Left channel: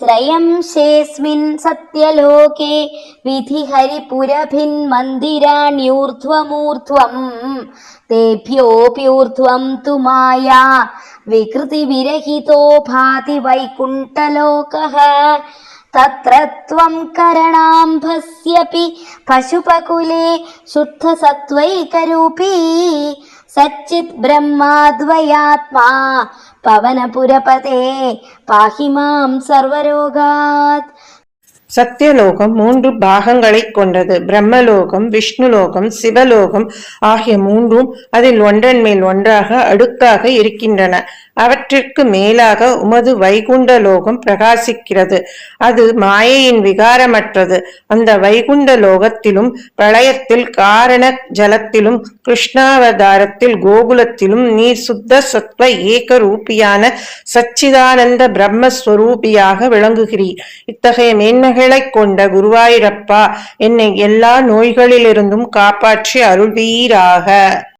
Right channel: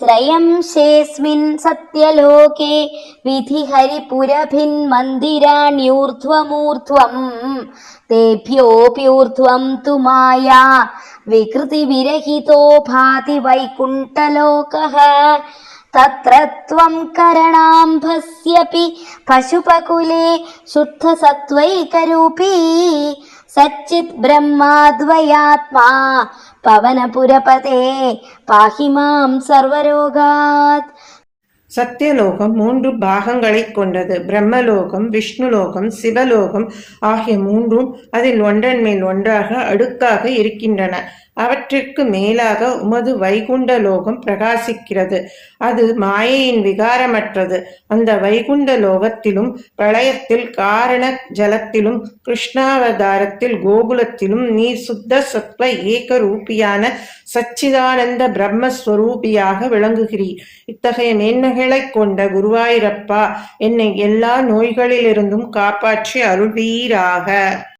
त्रयंशेऽस्मिन् सत्यलोके विधिहरिपुरभिन्मन्दिराण्यूर्ध्वमूर्ध्वम् तेभ्योऽप्यूर्ध्वं तु माया विकृतिविरहितो भाति वैकुण्ठलोकः तत्र त्वं करणाम्भस्यपि पशुपकुले शुद्धसत्त्वैकरूपी सच्चित् ब्रह्माद्वयात्मा பவனபுரபதே பாஹி மாம் சர்வரோகாத். சத்தியலோகம் 3 பாகங்களைக் கொண்டது. பிரம்மலோகம், விஷ்ணுலோகம், சிவலோகம் ஆகிய 3ம் அதில் ஒன்றன் மேல் ஒன்றாக அடுக்காக இருக்கின்றன. அவற்றிற்கு மேலாக உமது வைகுண்ட லோகம் பிரகாசிக்கிறது. அது மாயையின் விகாரமற்றது. அந்த வைகுண்ட லோகத்திலும் பிரளயத்தில் காரண ஜலத்திலும் கிருஷ்ணாவதாரத்தில் கோகுலத்திலும் நீர் சுத்த சத்வ ஏக ரூபியான சச்சிதானந்த பிரம்மஸ்வரூபியாக விளங்குகிறீர். இத்தகைய மேன்மைகளை கொண்ட குருவாயூரப்பா, என்னை எல்லா நோய்களிலிருந்தும் காப்பாற்றி அருள்வீராக.